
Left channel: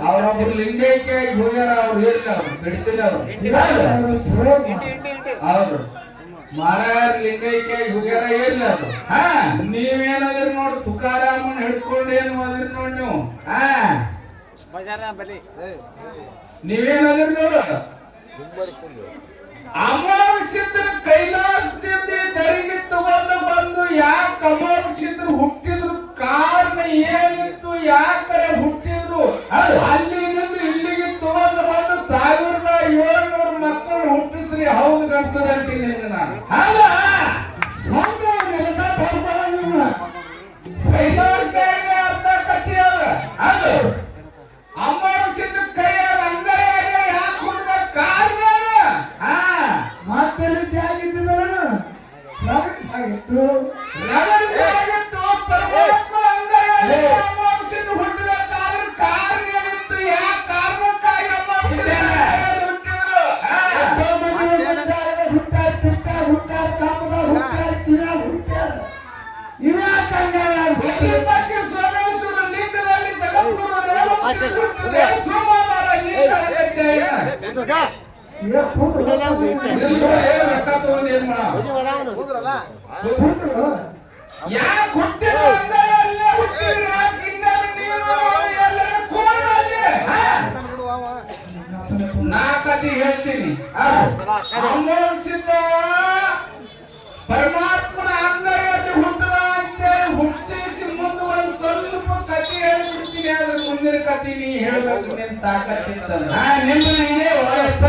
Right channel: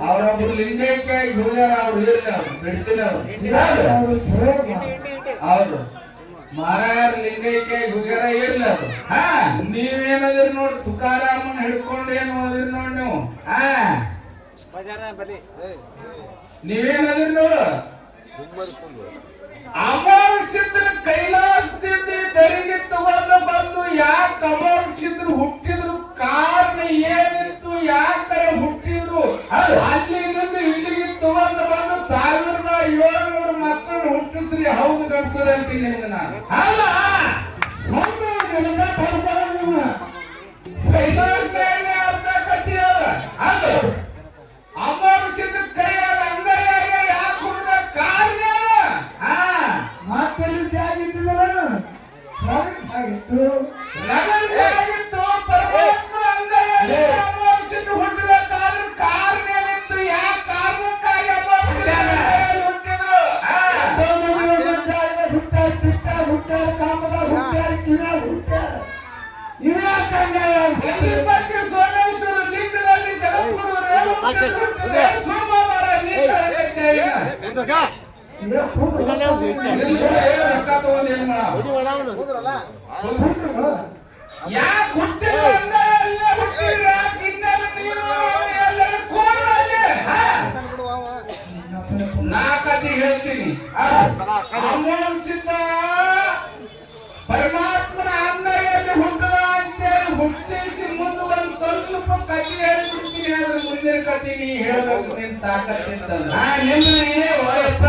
ಅವ್ರೊಬ್ರು ಲಿಂಗೈಕ್ಯ ಹೋಗ್ಯಾರ ಅವ್ರು ಇಲ್ಲ ಅವ್ರು ಬಿಡ್ತಿಲ್ಲ ಅವ್ರು. ಅವ್ರು ಇಲ್ಲ ಲಿಂಗೈಕ್ಯ ಹೋಗ್ಯಾರ ಇಲ್ಲ ಹಾ ನೀವೇನದ್ರಿ ನೋಡಿ ತುಕಾರಾಮನ್ ಹಿಡ್ಕೊಂಡು ಏನು ಮಾಡಿದ್ರಿ ನೋಡಿ ನೀವು. ಹಾ. ನೀವೇನದ್ರಿ ನೋಡು. ಅಮಾವಾಸ್ಯದ ಕೈಲಾಸದಿಂದ ದರಿಗೆ ತಗೊಂಡು ಬಂದು ಯಾಕೆ ಅಮಾವಾಸ್ಯದ್ರು ಹುಟ್ಟಿದ್ರು? ಕಾರಣ ಏನಿತ್ತು? ಯಾಕರೆ ಹುಟ್ಟಿದ್ರು. ಅಲ್ಲಿಂದ ಇಲ್ಲಿಗೆ ತಗೊಂಡು ಬಂದು ಸಾವಿರದ ಏಳ್ನೂರು ಮಕ್ಕಳು ಹುಟ್ಟಿಸ್ರಿ. ಹೌದು ಗಡ್ಸರಿ ಅಂತೀನಿ ನಾನು. ಕೆಲಸ ಕೊಡ್ಬಾರ್ದು ಮುಂದಿನ ಹೇಳಬೇಕು ನಿನ್ ತಾಕತ್ತಿತ್ತಲ್ಲ ನಿಂದು ನೀನೇ ಹೋಗಪ್ಪ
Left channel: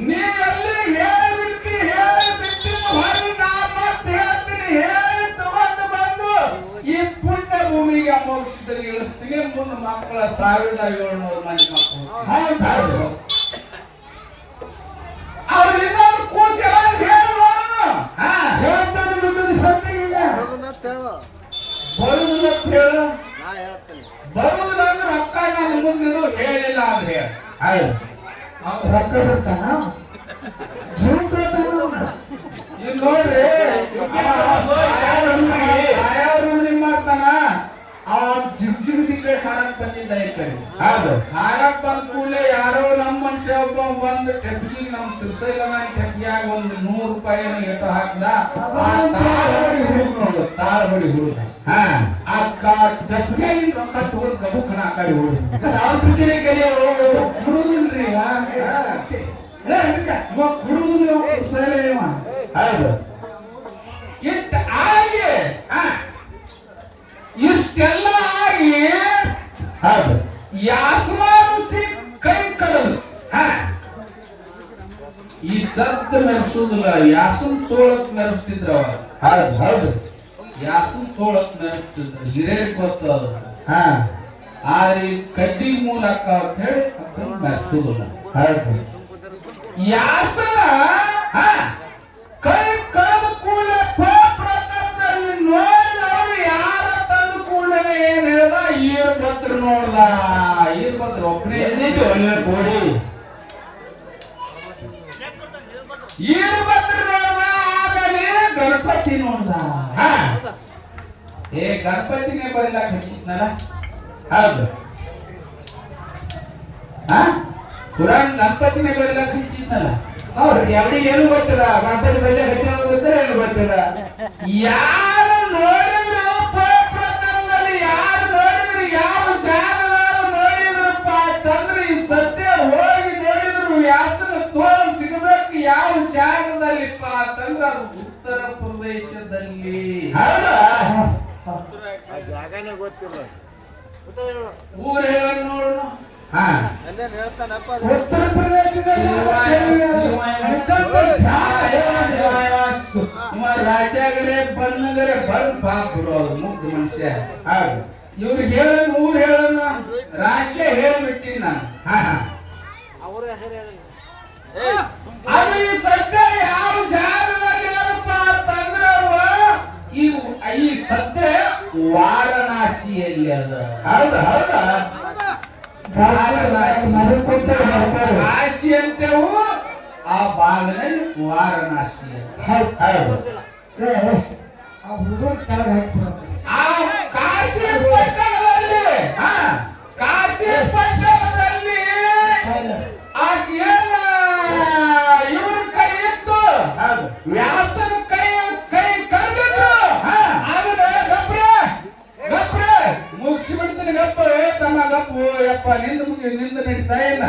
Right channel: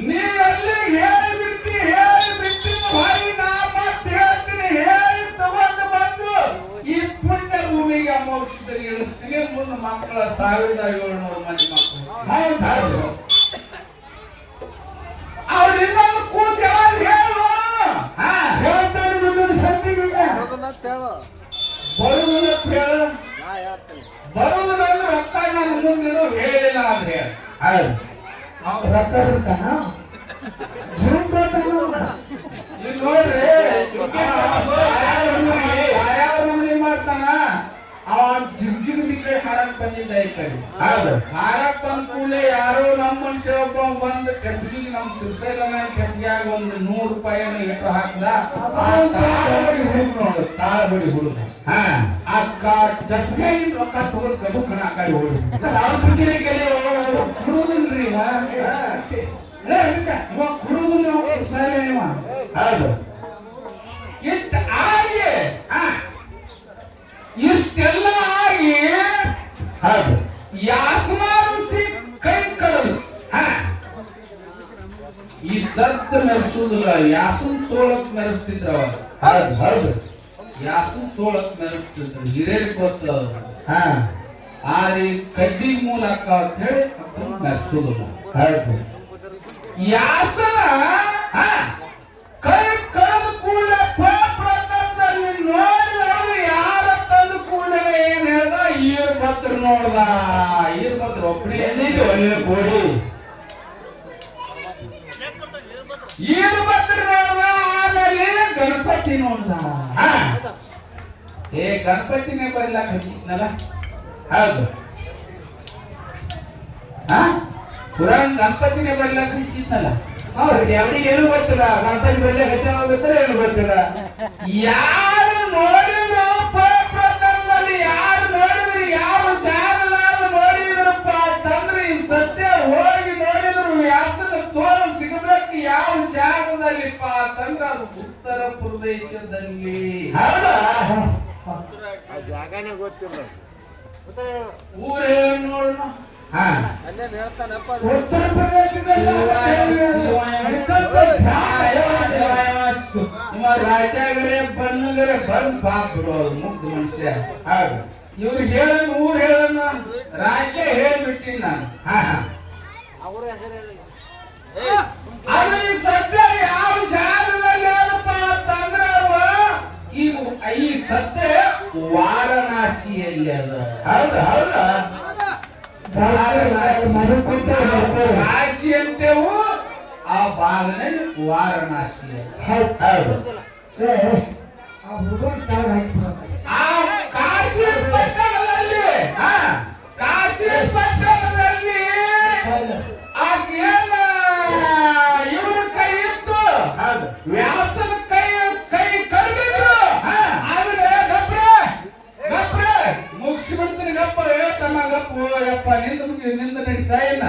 ನೀ ಅಲ್ಲಿ ಹೇಳಿಬಿಡ್ತಿ ಹೇಳಿಬಿಡ್ತಿ ಹೊಳಿ ನಾ ಮತ್ತೆ ಹೇಳ್ತೀನಿ ಹೇಳಿ ತಗೊಂಡು ಬಂದು ಈ ಪುಣ್ಯ ಭೂಮಿಗೆ ಮೋಕ್ಷದಲ್ಲಿ ಇಳಿಸ್ತೀನಿ ಮುಂದೆ ಮಕ್ಕಳ ಸಾವಿರದ ಏಳ್ನೂರು ಮಂದಿ ಮಕ್ಕಳು. ಅವ್ರಿಂದ ಕೂಸ ಹಾ. ಹೇಳ್ತಾನೆ ಸತ್ತಿಗೆ ಬರುವುದಕ್ಕೆ ಹೇಳ. ರೊಕ್ಕ ನಾನು ಮುಂದಿರು ಹೇಳಿಲ್ಲ ಅಂದ್ರೆ ಹೇಳು. ಹೌದು ರೊಕ್ಕ ಬಿಡ್ತಾನ ಜೀವ ಈಗ ನೋಡ್ರಿ ಯಾರು ಮಾಡ್ತಾನ ಅವ ಜಿಗ್ ಜಿಗ್ ಕಡೆ ಹಾಡಕ್ ಬಂದಿದ್ದ ಹೌದು. ಹಾಡಕ್ ತಂದ ಕೂಡಲೇ ಯಾರೋ ನಮ್ಮ ಮನುಷ್ಯ ಒಬ್ಬ ಬಂದು ಟೆಪ್ಪಿಗೆ ನಮ್ಮ ಸಿರ್ಸೈಲನ ಟೆಪ್ಪಿಯಾಗ ಒಂದು ನೂರು ರೂಪಾಯಿ ಎಷ್ಟು ಹಾಕ್ದ ಆ ನೋಡು ತಾಳಬಡಿ ಹುಡುಗ ಅಕ್ಕ ಟೆಪ್ಪಿಗೆ ರೊಕ್ಕ ತಗೊಂಡ್ ಗಬು ಕಣ ಆ ಕಡೆ ಹುಡುಗ ಹೌದು. ಇಷ್ಟ ಆಗಿ ಆ, ಇಷ್ಟೆಲ್ಲ ಆಗಿ ಹೌದು. ಯಾಸಮಾನಿಸಿ ಕೈ ಕಳೆದು ಹಾ. ಈ ಸದ್ದು ಮೆರೆಸುದಿಲ್ಲ ಯಾಸನ್ ತೋಳಕ್ ಮೆರೆಸ್ತಿದ್ರ. ಹೌದು ಹೌದು. ಯಾಸನ್ ತೋಳಕ್ ಮೆರೆಸ್ತಿದ್ರು ಹಿರಿಯರಿಗೆ ಗೊತ್ತ ಹಾ. ಆ ಈ ಕಡ್ಡಿ ಮೂಲಕ ಅಂತ ಹೇಳಿ ಮೆರೆಸುದಿಲ್ಲ ಹೌದು. ಯಾಸನ ಆ, ಒಬ್ಬನೇ ಕೋಡಿ. ನೋಡ್ದ ಆಮೇಲೆ ಗಣಪತಿ ನೋಡ್ದ. ಏ ಗಣಪತಿನೇ ಬರಿಲಾಕ ಹಚ್ಚಿದ್ನಲ್ಲ ಹೌದು. ಹಾ? ಗಣಪತಿನೇ ಬರಿಲಾಕ ಹಚ್ಚಿದ್ನಲ್ಲ ಹೌದು ಅವನಿಗೆ ಏನು ಬರ್ತದ ಗಣಪತಿ ಹೆಚ್ಚಾಗ ಗೊತ್ತಿಲ್ಲ ಏನು ಗೊತ್ತಿಲ್ಲ. ಯಾರು ನೋಡಿದ್ರು ಈ ಸತ್ಯ ಹೋಗಿ ನೋಡಿದ್ರು ವ್ಯಾಸನ ತೋಲ್ ಸಿಗಬೇಕು ಯಾವ ಜಾಗದಲ್ಲಿಪ್ಪ ಅಂತಂದ್ರೆ ಅದು ಉತ್ತರ ಪ್ರದೇಶದಲ್ಲಿ. ಜಾಗನೇ ಗೊತ್ತಿಲ್ಲ. ಊರ್ ಹೇಳ ನೋಡೋಣ ಹೇಳ್ತಾನಪ್ಪ ಉತ್ತರ ಪ್ರದೇಶದಲ್ಲಿ ರಾಜ್ಯಾಗರೆ ಬಣ್ಣಗರೆ ಬಂದ್ ಪಾಪ ಅವ್ರು ಮುಗ್ಧ ಮನುಷ್ಯ. ಹೌದು. ಇವ್ರು ಹೇಳನ್ ಊರ್ ಹೇಳನ್ನ ರಾಜ್ಯ ಹೇಳ್ಬಿಟ್ಟಿ ನಾನು. ಅವ್ರ ಹೆಸರು ಹೇಳಿ. ಸದ್ಯ ಯಾರು ಅಂತಂದ್ರೆ ಈ ಈ ಸದ್ಯ ವಾರಣಾಸಿಯಲ್ಲಿ ಅದ. ಹೌದು ಹೌದಾ. ಕಾಶಿ ಅಂತೇವು ಆ ಭಾಗದಲ್ಲಿ ವಾರಣಾಸಿ ಅಂತ. ಹೌದು ಆ ಹುಡುಗ ಕೆಳಗೆ ಹಾಕ್ಬಿಡಪ್ಪ. ಆ ಕಾಶಿ ಪಟ್ಟಣದಲ್ಲಿ ಆ, ಕಾಶಿ ಏನ ಇವ್ರ ಕೈ ಇತ್ತು ವ್ಯಾಸನ ಕೈ ಕೈ ಕಳೆದಿದ್ರು. ಹಾ. ಆದ್ರೆ ಗಪ್ರ ಗಪ್ರ. ಮುಗಿಸಿ ಬಿಡ್ತೀನಿ ಗಪ್ಪ. ತಮ್ಮ ಗಪ್ಪ ಯಪ್ಪ ನಿಂದ ಮುಗಿ ನಿಂದ ನಡೀತಾ ಇಲ್ಲ.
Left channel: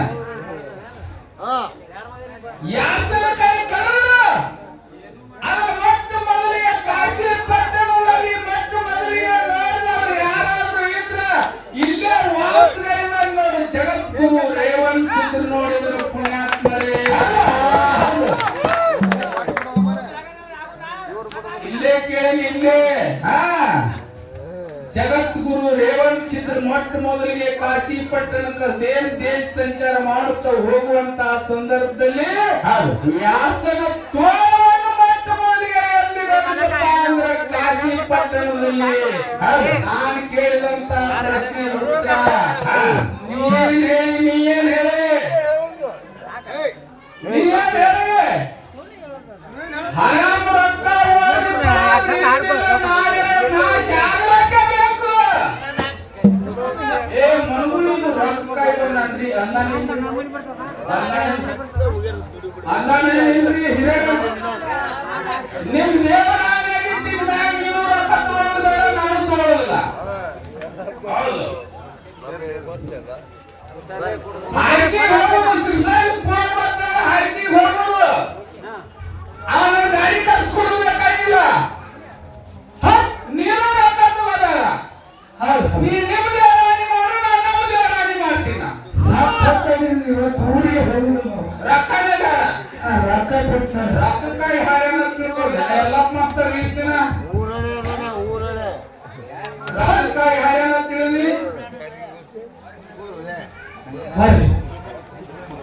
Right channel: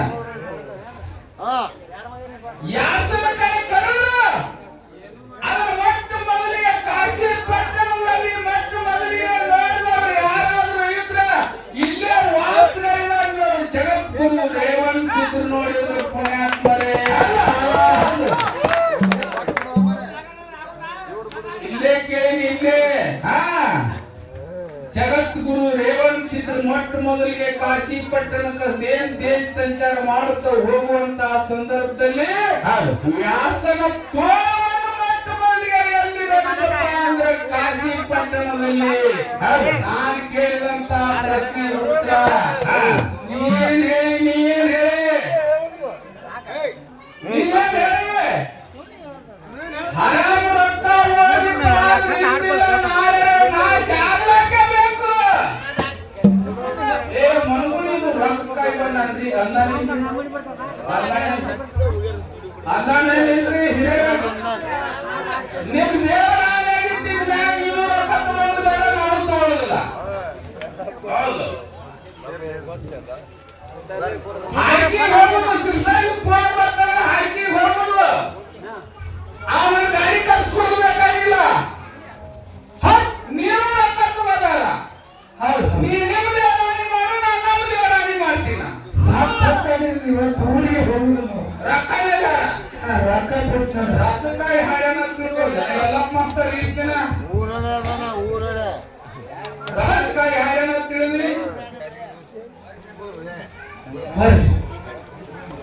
ಮಾಡುತ್ತಾ ಹೋಗುವಂತ ಸಂದರ್ಭದಲ್ಲಿ ವ್ಯಾಸನ ಮೊದಲಿಗೆ ಎಲ್ಲಿರೋದಪ್ಪ ಅಂದ್ರೆ ಕಾಶಿ ಪಟ್ಟಣದಲ್ಲಿ. ನಾನು ಕೇಳಿದಂತ ಪ್ರಶ್ನೆ ಉತ್ತರ ನೀನ್ ಹೇಳಿ ಹಾಕಿ ಹೋಗುದು ಸಿರ್ಸಾಗಿ ಫೋನ್ ಬರ್ತಾನೆ ಹಾಕಿ ಹೋಗುದು. ಅವನ ಗಾಡಿ ಕಳ್ಸ್ಕೊಡ್ಬೇಕಾಗಿಲ್ಲ ಹಟ್ ನೀನು ರೊಕ್ಕ ತಗೋದಾರ ನೀ ನಿಮ್ಮದೇ ರಾಣಿ ಮಾಡು ನಾನು ನಮ್ಮದೇ ರಾಣಿ ಮಾಡ್ತೀನ. ಊರಿಗೆ ಹೋಗುದು ರೊಕ್ಕನೇ ಬೇಡ. ರೊಕ್ಕ ಕೊಡ್ತಾರೆ ರೊಕ್ಕಕ್ಕಾಗಿ ಹಾಡೇನ ತಿಳ್ಕೊಳ್ಳಿ ಎಲ್ಲ ಮಾಸ್ತರ್ ಈ ದಿನ ಊರಲ್ಲೇ ಅದನ ಊರಲ್ಲೇ ರೊಕ್ಕಕ್ಕಾಗಿ ಹಾಡೇನ ತಿಳಿದಿ ಬರ್ರಿ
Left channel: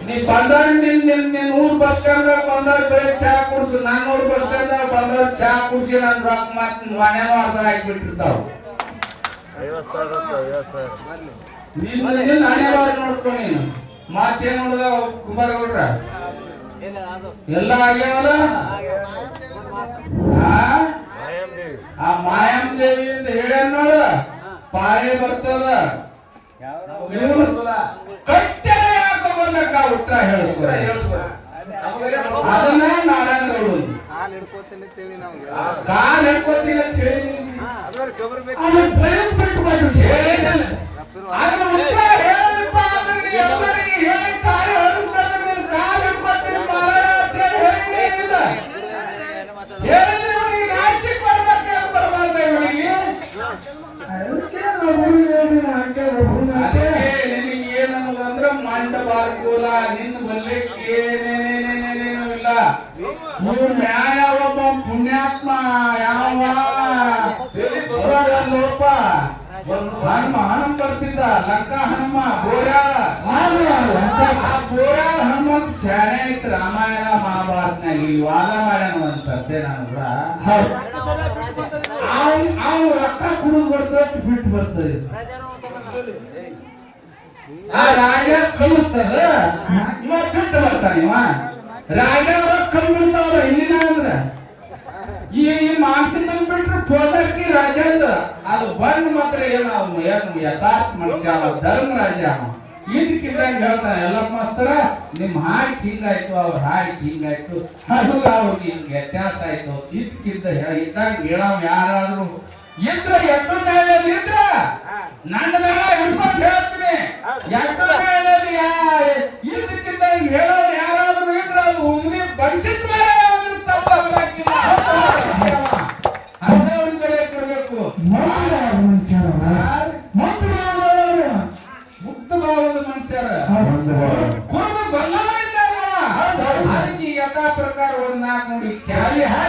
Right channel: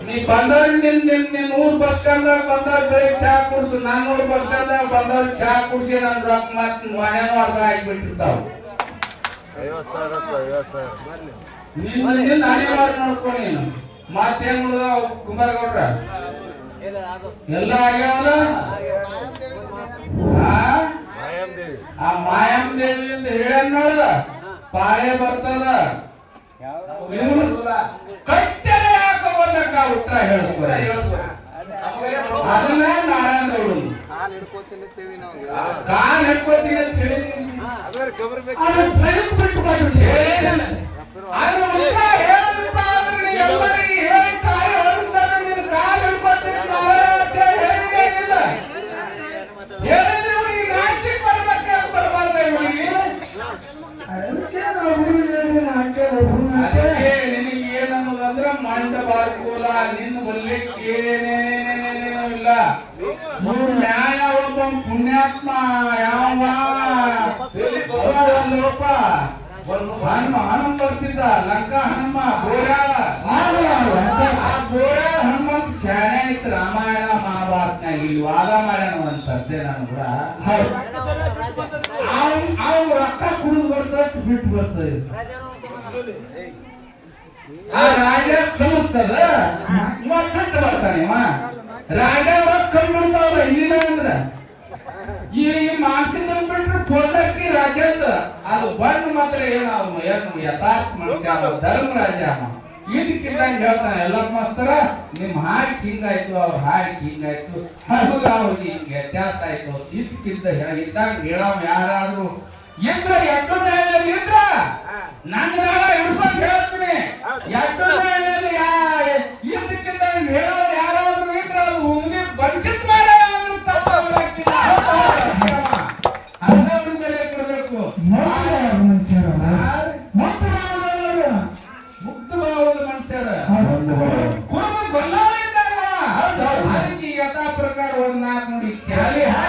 ನೀ ಬಂದವ್ರು ನಿನ್ ನಿನ್ ನಿನ್ ಊರ್ ಬಸ್ ಸ್ಟ್ಯಾಂಡ್ ಬಂದವ್ರು ಬೇರೆ ಚಾ ಕುಡ್ಸು. ನಾನ್ ಊರ್ ಬಸ್ ಸ್ಟ್ಯಾಂಡ್ ಬಂದವ್ರು ಚಾ ಕುಡ್ಸಿ ನನ್ನ ರೊಕ್ಕ ಮತ್ತೆ ಮನ್ಯಾಗ ಅರ್ಧ ಹಾಕ್ಬಿಟ್ಟಿರ್ತಾವ ನೀನ್ ನಿನ್ನ ಹಣೆಬಾರ ಮಾಡ್ಕೊ ನೀನು. ಮತ್ತೇನ್ ನೋಡಿದ ಕುಮಾರಗೌಡ್ರ? ಎಲ್ಲ ಆಗ್ಯಾವಲ್ಲ? ಆ? ಮಾಯಮ್ ದೇವಿ ಆ ಮಾಯಮ್ಮ ದೇವಿ ಅಂತ ಹೇಳ್ಯಾನ ನೋಡ. ಪಾಳೆ ಬರ್ತದ. ಕಟ್ಟೆ ಹಾಕೋಲ್ಲಕ್ಕ ಉತ್ತರ ಹೇಳಿಸ್ಕೊಡ. ಅದನ್ನ ನಾರಾಯಣ ಗೌಡ ಕಾಲ್ ಹಿಡ್ಕೊತೀನಿ ಅಂತ ಹೇಳಿ ಅದು ಪ್ರಯೋಗ ಬಿಟ್ಟು ಮಾಡ್ರಿ ಹೇಳಿದ್ದಾನೆ. ಆ ರಾಜ ಕಲಿಸ್ತದ? ಇವ ಬಿಟ್ಟು ಬರ್ತಾನೆ ಇವ. ರಾಜ ರೊಕ್ಕ ಕಲ್ಬಿಡ್ತಾವ ಹಿಂದಿನ ಅಂದ್ರ. ಈ ಮಾಸಿನ ಬಿಟ್ರೆ ಪೋದಕ್ಕಿ ರಾಜ ಅಂದ ಅದು ಬಣ್ಣ ಮಾತ್ರ ಏನು ಅವನು ಏನು ಯಥಾರ್ಥ ಮನುಷ್ಯ ಅವ, ಧರ್ಮ ರಾಜ ಅವ. ಇದಕ್ಕಿದ್ದಂಗೆ ಹೇಳ್ತಾನೆ ಎಲ್ಲ ಮಾಸ್ತರ, ನಿಮ್ ಹಾಡಿ ಹಿಂಗಾಯ್ತು, ಅವ್ರ ಹಾಡಿ ಹಿಂಗಾಯ್ತು. ನಮಗ ಅವ್ರಿಗೆ ಹಿಂಗ್ ವ್ಯತ್ಯಾಸ ಆಯ್ತು. ಇದಕ್ಕಿದ್ದ ಇದ್ದಾಗ ಹೇಳವ್ ಯಾರಾದ್ರೂ ಇದ್ರ ಎಟ್ಟು ನ್ಯಾಯದಲ್ಲಿ ಇದ್ರ ನನ್ನ ಮ್ಯಾಲ ಹಿಡ್ಕೊಂಡು ಹೇಳ್ತೀನಿ. ಎಟ್ಟು ನ್ಯಾಯದಲ್ಲಿ ಇದ್ದಕ್ಕಿಂತ ಹೇಳೋರು ಯಾರಾದ್ರೂ ಇದ್ರ ಅದು ಉಂಗಿ ಬಡಿಸಿದ ಮೇಲೆ ಅಂತವ್ರ ಕಡೆ ಕೊಡ್ಬೇಕು. ಮುಕ್ತ ಭಾವದ ಮನುಷ್ಯರ. ಕುರುಮ ಬಲ್ಲಾಳಿದ್ದಾಗ ಅದಕ್ಕೆ ಯಥಾ ಪ್ರಕಾರ ಒಂದ್ ನಾಲ್ಕು ನೋಡಿ. ಕ್ಯಾಲಿ ಹಾಕಿ.